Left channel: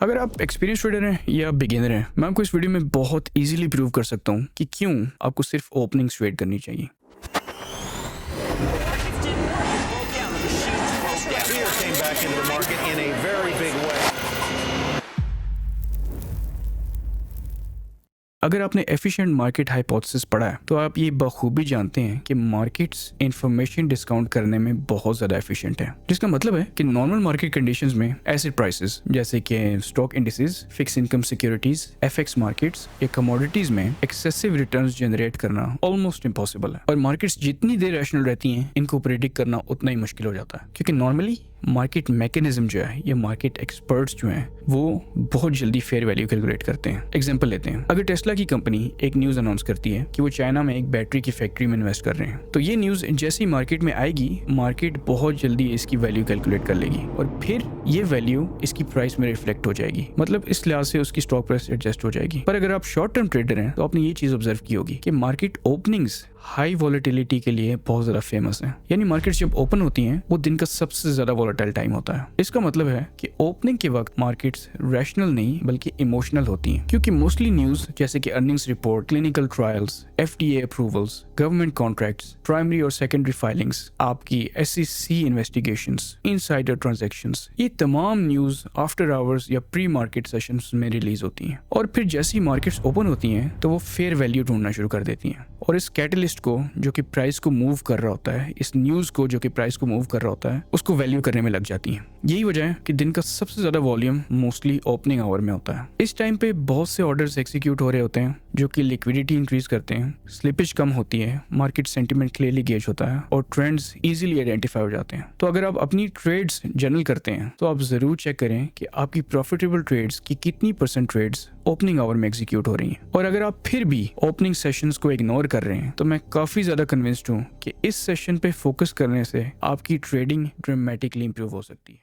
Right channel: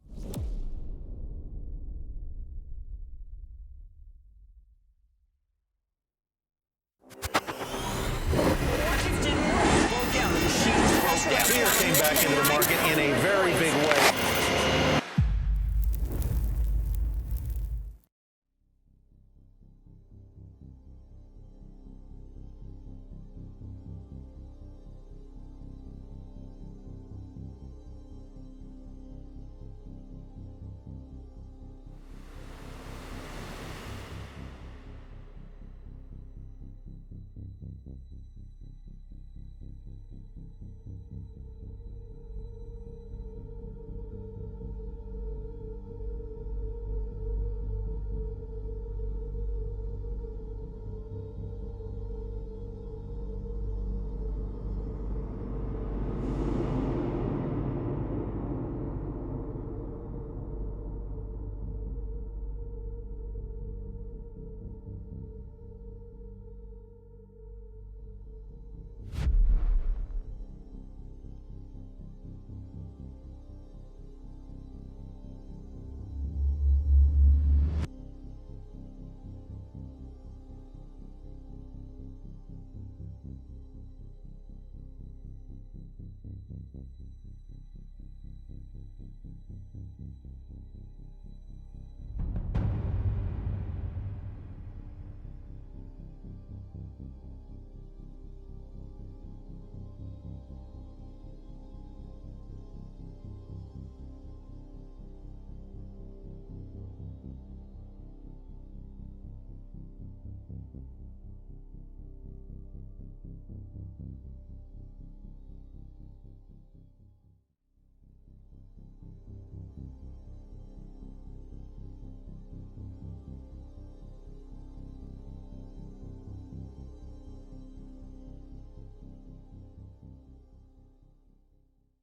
अगर आप experience trader हैं या बिगिनर हैं, मैं आपको इस वीडियो में बहुत इजीली प्रूव कर सकता हूँ कि क्यों आपको सिर्फ ओपनिंग्स ट्रेड करनी चाहिए। Markets didn't work. It broke down. The machines broke down. Fear came back into the market in a very big way. अगर आपने एफिशिएंट मार्केट हाइपोथेसिस पढ़ा है तो आप ये बखूबी जानते हैं कि मार्केट्स इंफॉर्मेशन डिस्काउंट करने में बहुत ज़्यादा एफिशिएंट है, जिसका मतलब है कि नॉर्मल मार्केट कंडीशंस में एसेट प्राइसेस जैसे कि stock indices, fix income securities, FX markets या कमोडिटीज में एक्सेसिव रिटर्न्स जनरेट करना ऑलमोस्ट इम्पॉसिबल है। और मार्केट्स जितनी देर रैशनल रहती हैं, इनको प्रेडिक्ट करना उतना ही मुश्किल हो जाता है, क्योंकि नॉर्मली मार्केट मैकेनिज्म जो है या मार्केट एक्सपर्ट्स जो हैं वो बहुत जल्दी फेयर वैल्यू कैलकुलेट करते हैं। एग्जांपल लेते हैं, अगर टेस्ला की कंपनी एक न्यूज़ अनाउंस करती है कि वो चाइना में एक बैटरी की फैक्ट्री में इन्वेस्ट कर रहे हैं, तो ये न्यूज़ जैसे ही मार्केट में आएगी, मार्केट बहुत जल्दी इसकी वैल्यू कैलकुलेट कर लेगी और फिर ये वैल्यू इसकी प्राइस में रिफ्लेक्ट हो जाएगी। मतलब इस लिहाज से उसकी स्टॉक प्राइस एडजस्ट हो जाएगी। पर अगर आप शॉर्ट टर्म ट्रेडर हैं तो आपने ये चीज़ ऑब्जर्व की होगी कि मार्केट ओपनिंग्स हाई वॉलेटिलिटी के लिए बहुत ज़्यादा फेमस है। यानी मार्केट्स जब ओपन होती हैं वो दिन का सबसे ज़्यादा वॉलेटाइल टाइम होता है। इसका मतलब है कि ओपनिंग के वक्त मार्केट्स रैशनल नहीं बल्कि इमोशनल होती हैं, क्योंकि मोस्टली न्यूज़ जैसे कि earnings report, clinical trials, FDA approvals, government contracts, primary और सेकेंडरी फाइलिंग्स, आपकी एसईसी इन्वेस्टिगेशंस, इनसाइडर ट्रांजैक्शंस, ये तमाम न्यूज़ आफ्टर आवर्स या प्री मार्केट सेशंस में रिलीज होती हैं। और फिर जैसी मार्केट्स ओपन होती हैं तो वो फेयर वैल्यू ढूंढना शुरू कर देती हैं और इस कैटलिस्ट को जो कि प्राइस को मूव कर रहा होता है, इस न्यूज़ को जो कि प्राइस को मूव कर रहा होता है, उसको वैल्यू करने में लग जाती हैं। यही वजह है कि दिन का सबसे ज्यादा वॉल्यूम मोस्टली ओपनिंग आवर में होता है। इस टाइम पे बहुत से ऑर्डर्स एग्जीक्यूट हो रहे होते हैं जो कि लिक्विडिटी इंक्रीज करते हैं, स्लिपेज कम होती है, मार्केट सेंटीमेंट क्लियरली गेज होता है और ट्रेंड्स इजीली आइडेंटिफाई हो जाते हैं। तो अगर आप अपनी ट्रेड्स जनरल करते हैं तो आप जरूर चेक करें कि आपकी प्रॉफिटेबल ट्रेड्स की कितनी परसेंट ट्रेड्स ओपनिंग आवर में एग्जीक्यूट हो रही हैं। और अगर आप फिर भी ओपनिंग सेशंस को इग्नोर कर रहे हैं तो मैं काफी ज्यादा कन्विंस्ड हूँ कि इस सेशन पे फोकस करने से आपकी ट्रेडिंग ड्रामेटिकली इंप्रूव हो सकती है।